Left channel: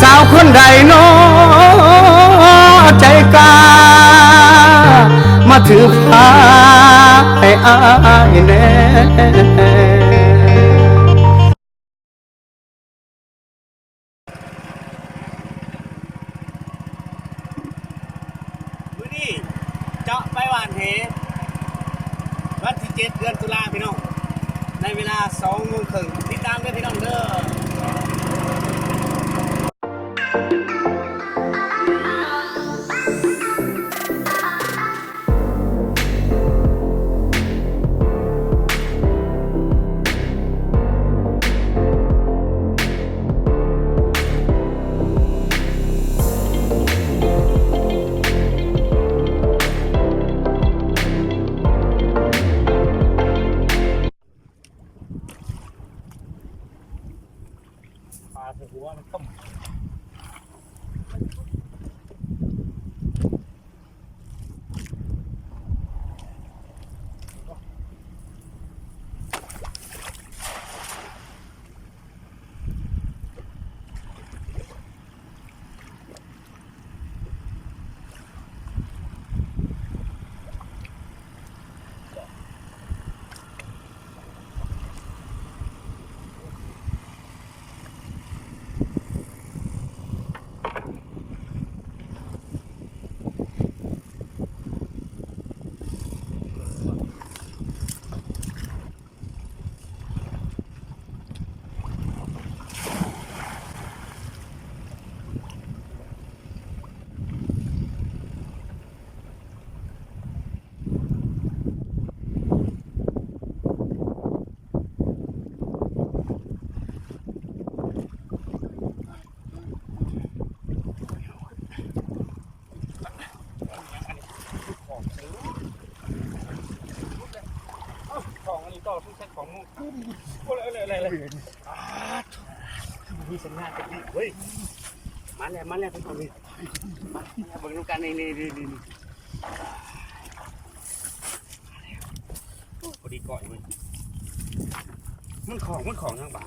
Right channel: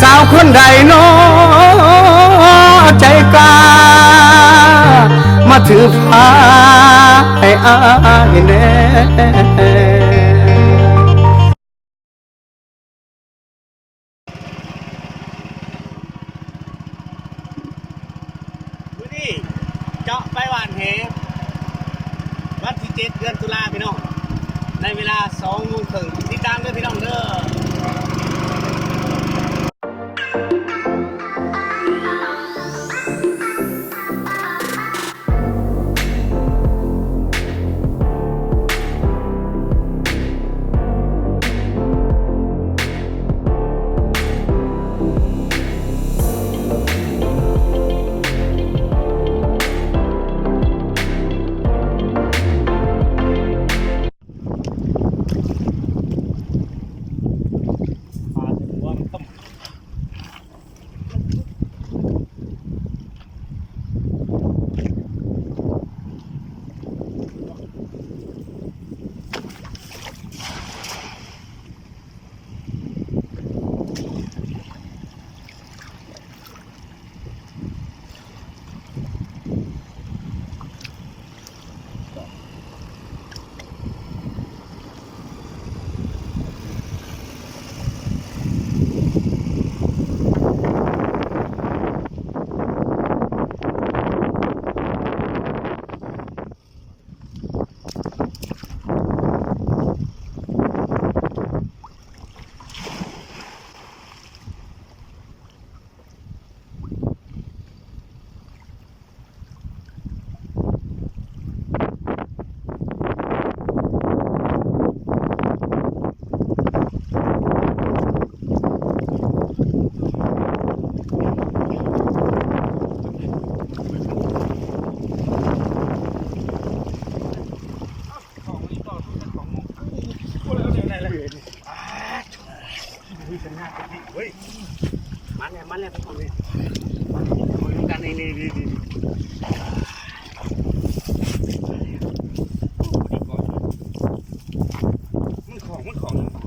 สาวคนใดน้อใจกล้ามาถือผ้าให้อายแน่มื้อนี้เจาะไปหวานเหวันที่7 เดือนตุลาพี่น้องในเวลา 20:30 ติดตามด้วยพี่น้องเด้อมีสัญญาณจะดีเฮ้ยมันแล้วทุกคนเลยมาดูกันนี่ดีก่อนมันของยังป่ะ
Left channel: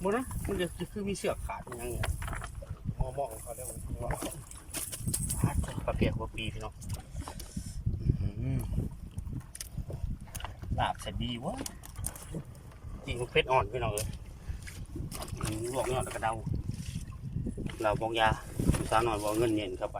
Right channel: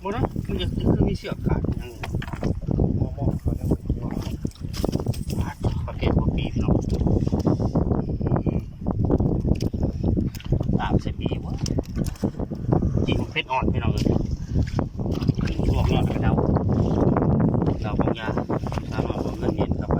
โมนะมันจะคือมีเสือกขาดยังไงมองเขาได้ว่าประเภทหัวปีพี่น้องตามเสบีวะจีบเพชรอ่อนพี่น้องเลยลวกยอดกระเดาเราบองยาสาวหน่อยบองเงินเย็นเข้าไป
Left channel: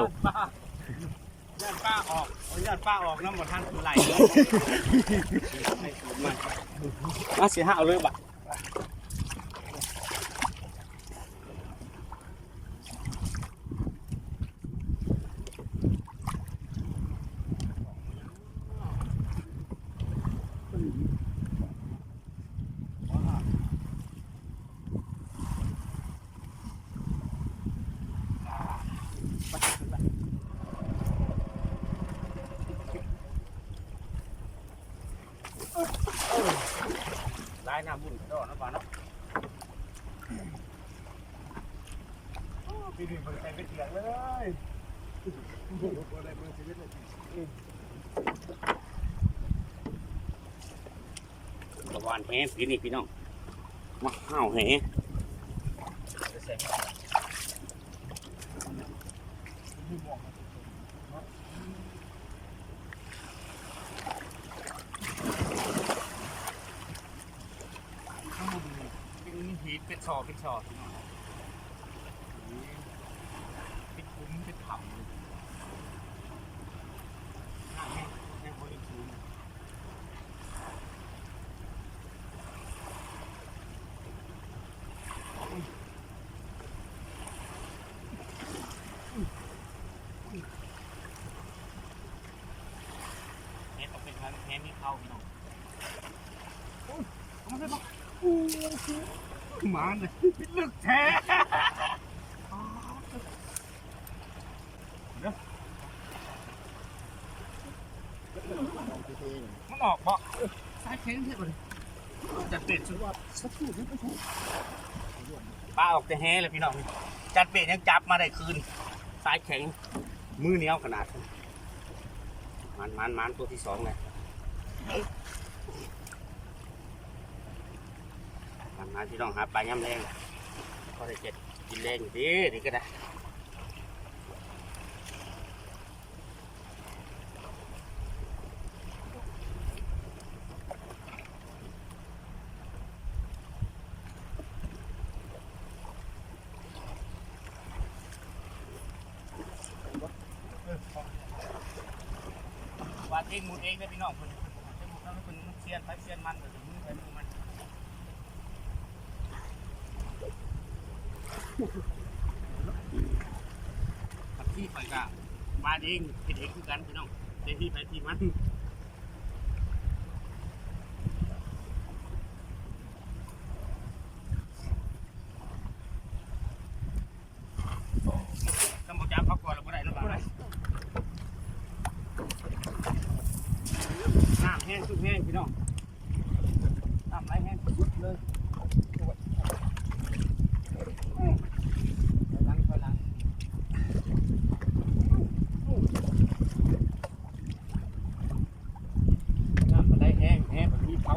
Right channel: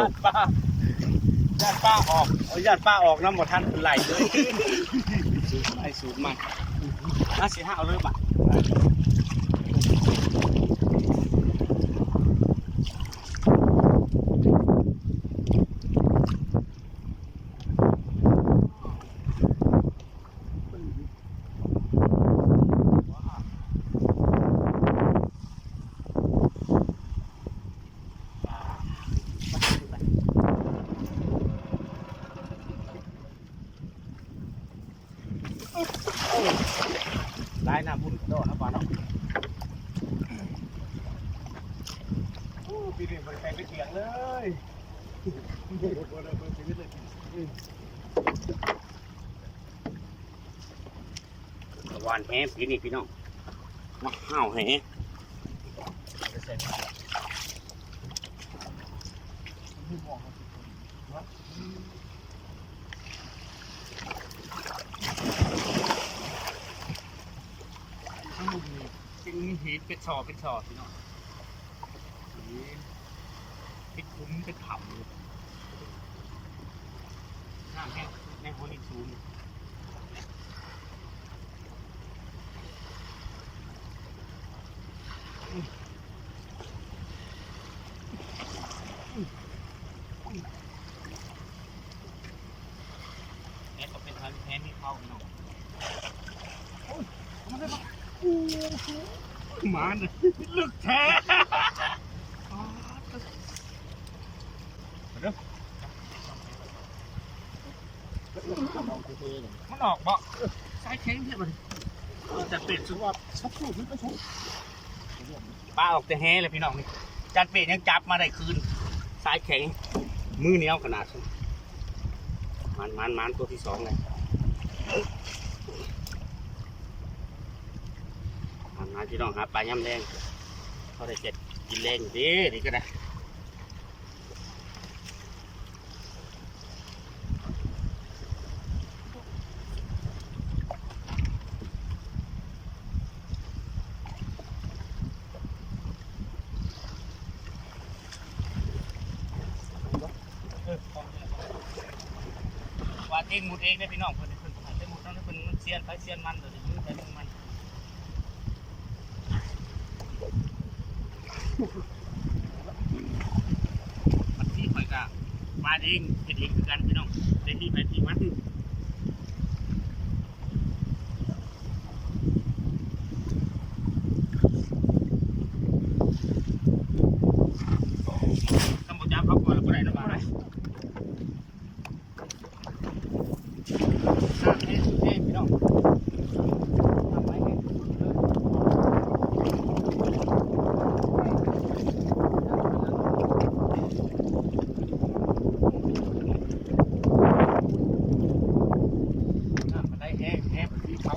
ตกญาติป้าออกญาติป้าออกน้ำหมดท่านไหลเลยไอ้สูงมันน่าเสียหักเลยบัดได้น้ำบุญกระโดดนะป้าเนาะปีนี้บริการเป็นเสียงเลยอะไรเบอร์ชีวิตเลยตะวันแห้งปีนี้พี่น้องมาห้าวแห้งเป็นหีบเป็นชอพี่น้องเป็นคุ้มเป็นผับน้ำแห้งในหัวหินสูงแพ้ก็เป็นแพ้นี่เข้าพี่น้องมาเลยลึกแท้ มันออกบ่สายแข็งเทียบเลยจัดเป็ดสุดว่าสักครู่นึกไม่ถูกปลาออกแต่แห่เลยพี่น้องจัดเป็ดยังจับมาได้คืนสายแข็งมือเหนียวขนาดมันตัวที่2เลยมันพี่น้องครับปลาย่ำแรงพอได้เจ็ดกินแรงอยู่ดีนี่ก็ได้วาดเองหมุดเองได้พี่น้องเพิ่นหายไปหมุดนั่นเพิ่นมันเสียนไปเสียนมันเลยมือไปมือมันมันที่ข่อยกะวาดเองเฮ็ดเองคือกันพี่น้องได้ที่ไปที่มันกำบอกจับเขาก่อนแล้วก็ได้นะบ้างได้แห้งสุดแห้งพี่น้องทำไรแห้งสุดเลยน้ำมันได้แห้งแบบที่เขา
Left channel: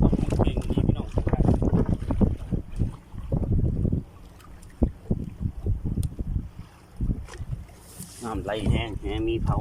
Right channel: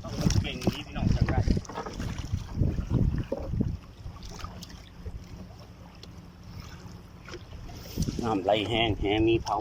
ต้องเก่งนี้พี่น้องจังไรน้ำไหลแห้งมีเผา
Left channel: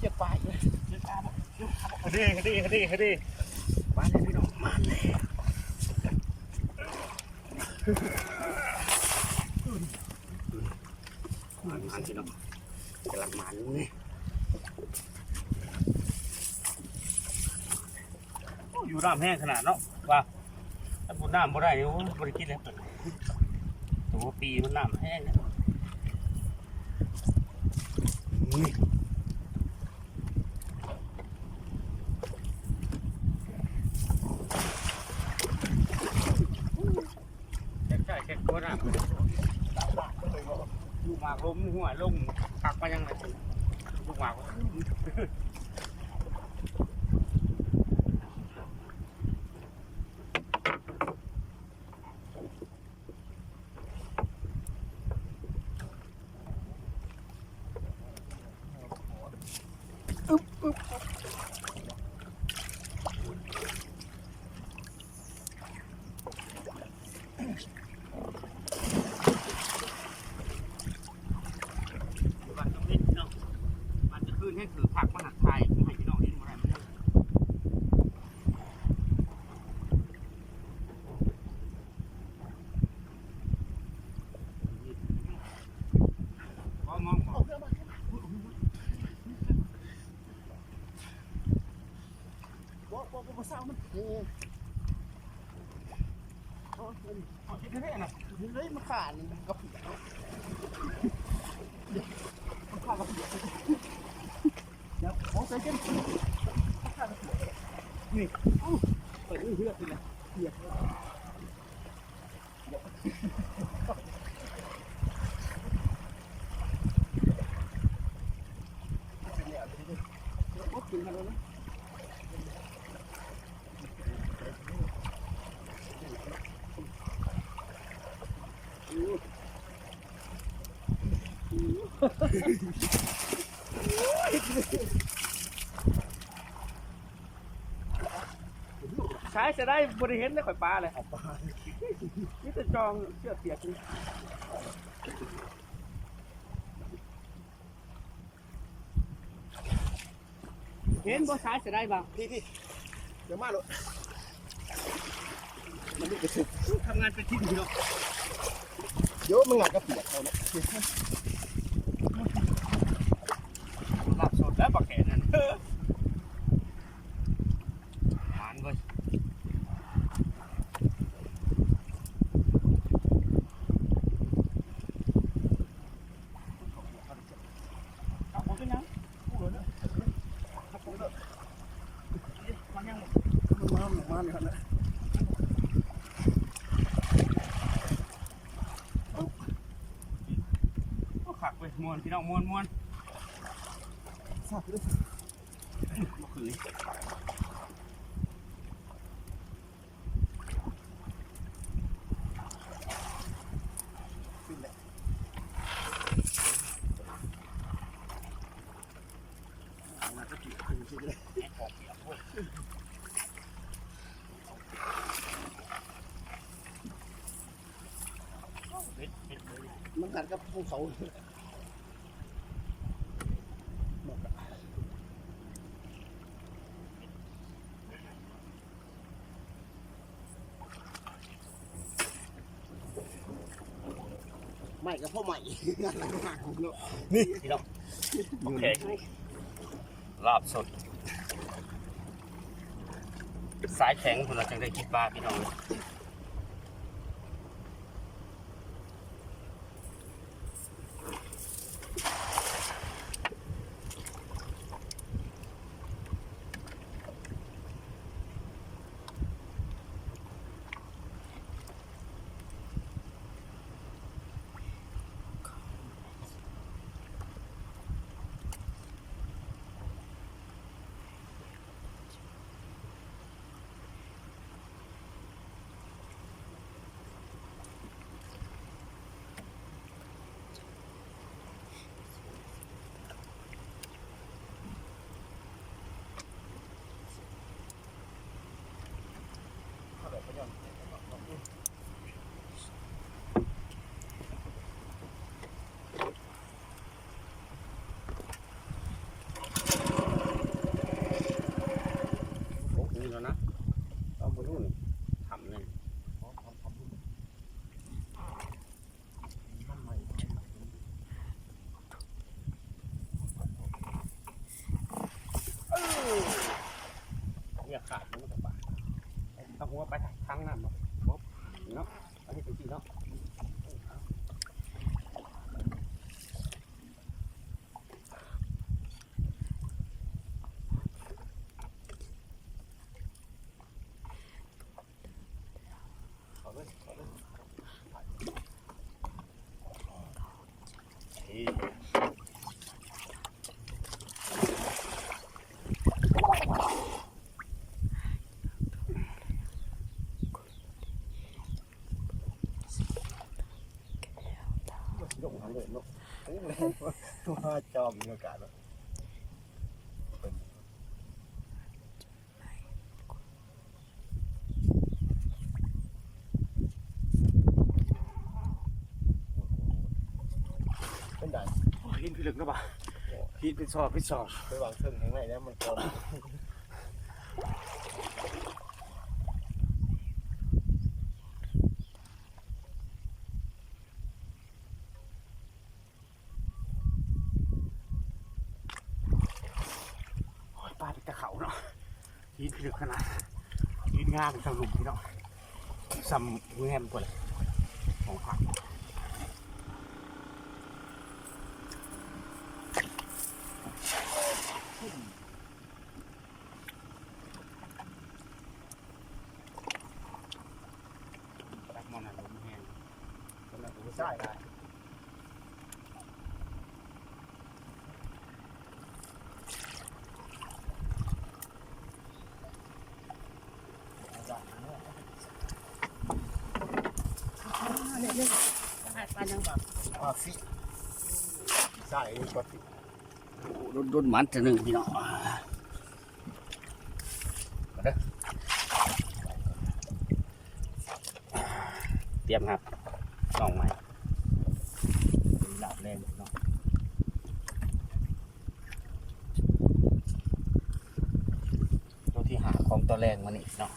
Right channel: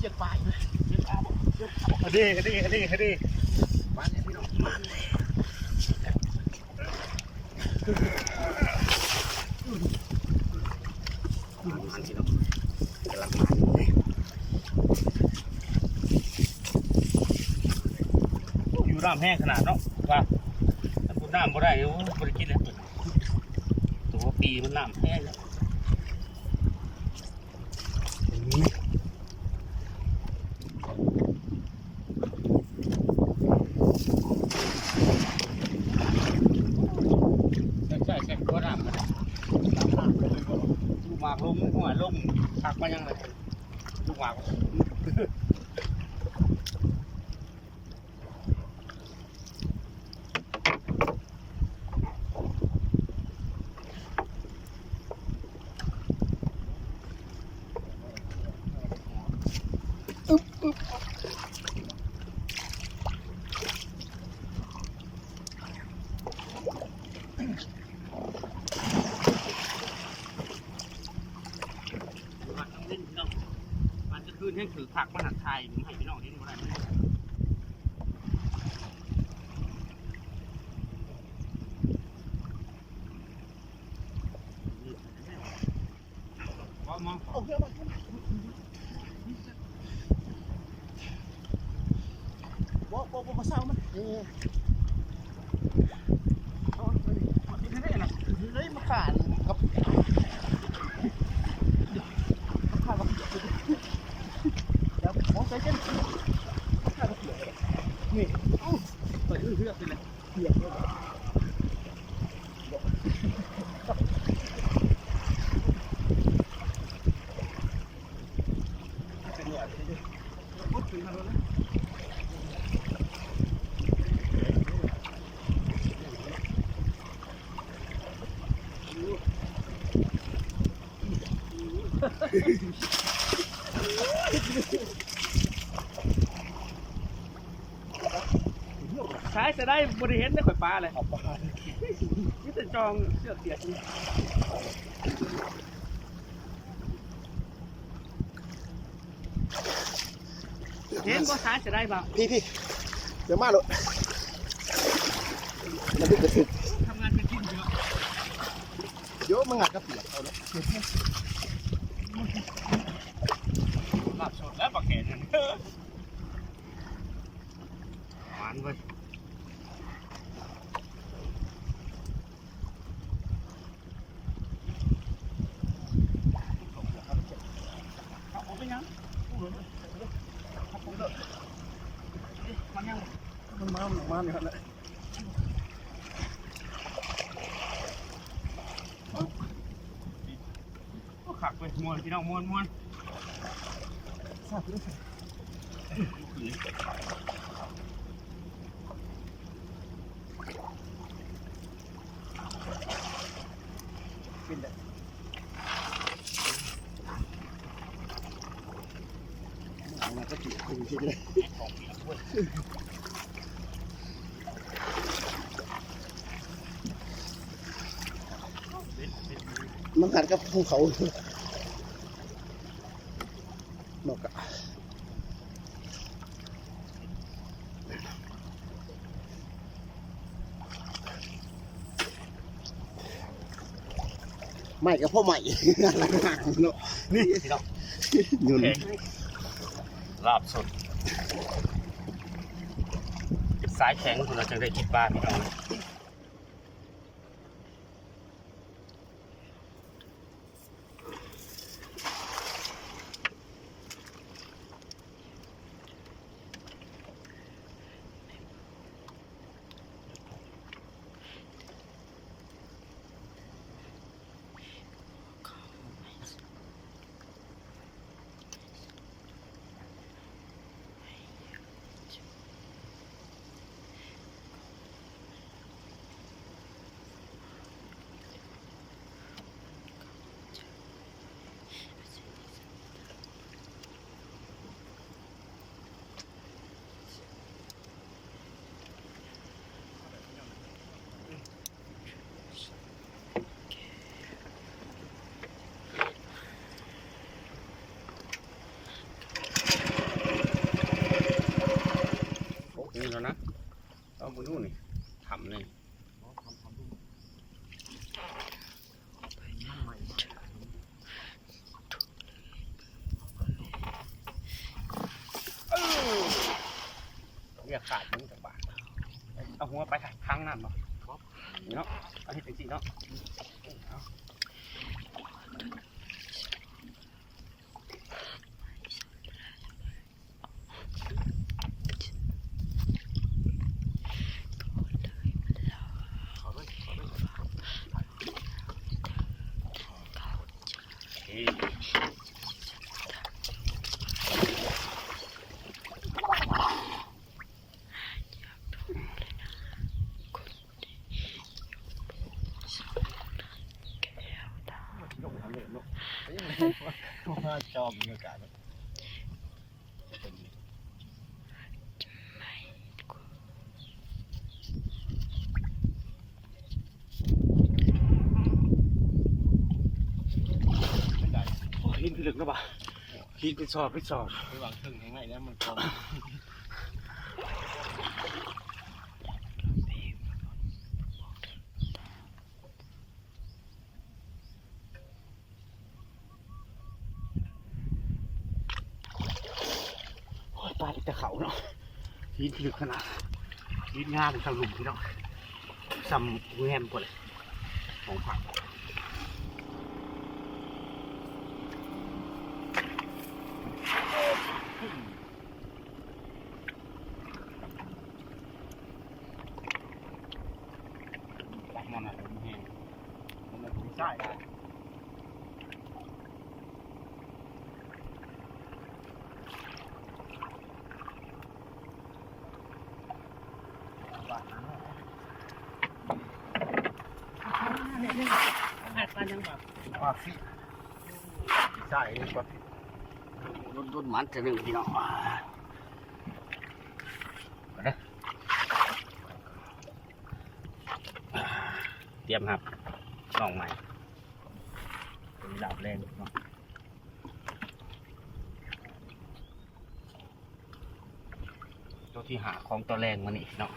เสียบปลายเลยเสียบปลาบอกเสียบปลาบอกดีมาเลยพี่น้องมาเลยมันพี่น้องกำลังมันเลยอยู่น้ำแห้งขนาดเนาะว่าถ้าพูดน้ำบ่ได้เดี๋ยวบริกินเลยตัวปีมันน้ำแห้งแล้วใช่เช็คตัวน้ำลูกหมากลงหัวลงตักมายังไงลูกหมากคืนให้ถือผักมาหัดไทยให้พี่น้องนี่ดูอะไรมันมองบ่เศร้ามันเอาดิได้นะได้มาขาดกับขาดกับเดี๋ยวมองใส่เส้นขาดกับนี่เปิดเลือดไปเลยเปียกเลยเป็นเนี่ยพูดถึงกันแล้วนะใช้จะได้บริเห็นได้ข่อยปลาเลยนี่จะจองเสื้อเปียกนี่ เห็นบ่สายจะได้บ่ พี่เดี๋ยวมาเลยมันดึกกระสึก ทำงานเป็นที่ดีแล้ว เดี๋ยวมันงัดกระเปียกเอาเนาะ หลับสดแล้วปากแขนนั่นหวานเว้ยเอาไปยังพูดเลยครับผมเลยมันยัง มันเนี่ยนะ ก็ขักไปมวนพี่น้องมวน ทราบด้วย คืน เป็นเลยมันกระเปียกจริงๆเลย ของเปียกเว้ย มันงัดกับภูเขาหมอกอะไม่กับพ่อใหม่เนาะ นี่พี่น้อง ยืน ลาบสดสายแข็งคุณเราจังได้กินปลาพี่น้องเลยนี่แล้วนะต้องไปดูนี่ทำเลยเรียกขาดมึงจากบ้านเอาหัวไปทางน้ำเนาะนี่เนาะเอาให้จริงๆเนาะชอบบรรยากาศแบบเป็นไง ลิ้นพิลึกนะบ่าลิ้นเป็นซอเป็นซอ ไปวางเครื่องข้างในแล้วมันพอ ปลาจะเขาเนาะลิ้นพิลึกขนาดลิ้นงามเป็นทางหลุมพี่น้องซ้ำแงมกว่าเลยของผักตักมันอ่ะลมแห้งทำไมผมใส่ได้ปลายังแบบ ปลาฟิใช่ปลาฟิ รุ่นมันจะหนึ่งพี่น้องมาเด้อเตรียมครับลองใหม่หลับแรงเนาะ ของตัวแรงมานี่เนาะ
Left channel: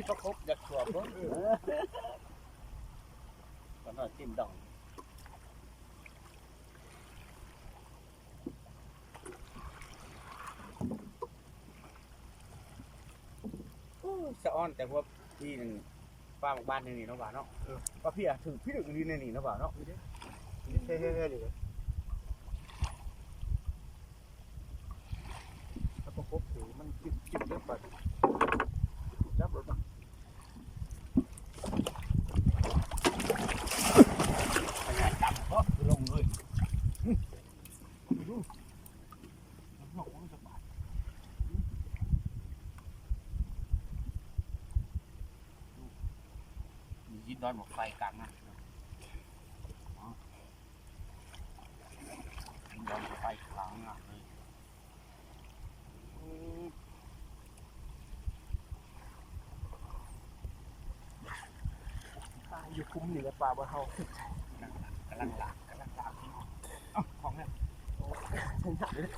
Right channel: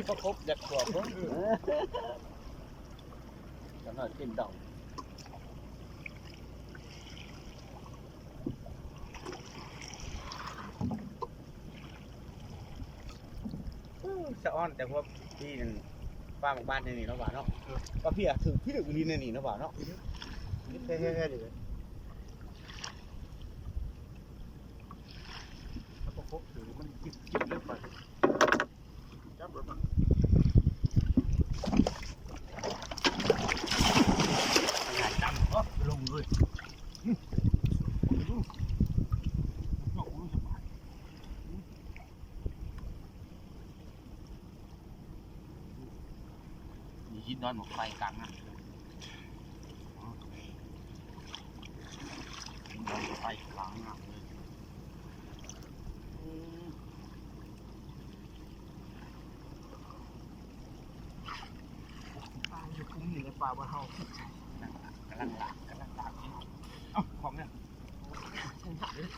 มีประคบจากตัวผมก็น่ากินดองสะอ้อนแต่พวกพี่มันป้าบ้านในนี่เนาะบ่าเนาะป้าพี่อะถึงพี่ถึงลีนในนี่เนาะบ่าเนาะเฮ้ยๆๆอยู่ถ้าประกบถือมันจิบเล็บไปจับรถมาดำก็ลงเลยมียิดดอนหมกไฟกลางนะดอนไฟกลางนะเลยปลาอยู่คุ้มนี่แหละปลาบ่เฮาก ำลังหลากนี่เอ้าของเนี่ยผมถักเลย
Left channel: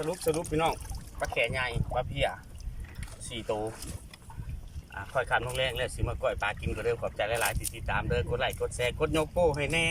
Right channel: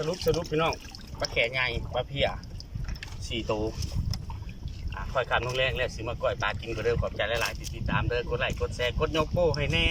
สรุปพี่น้องปลาแขใหญ่ปลาเพีย4 ตัวค่อยคำลงแรงแล้วสิมาก่อยปลากินก็เด้อขอบใจหลายๆที่ติดตามเด้อกดไลค์กดแชร์กดยกโป้ให้แน่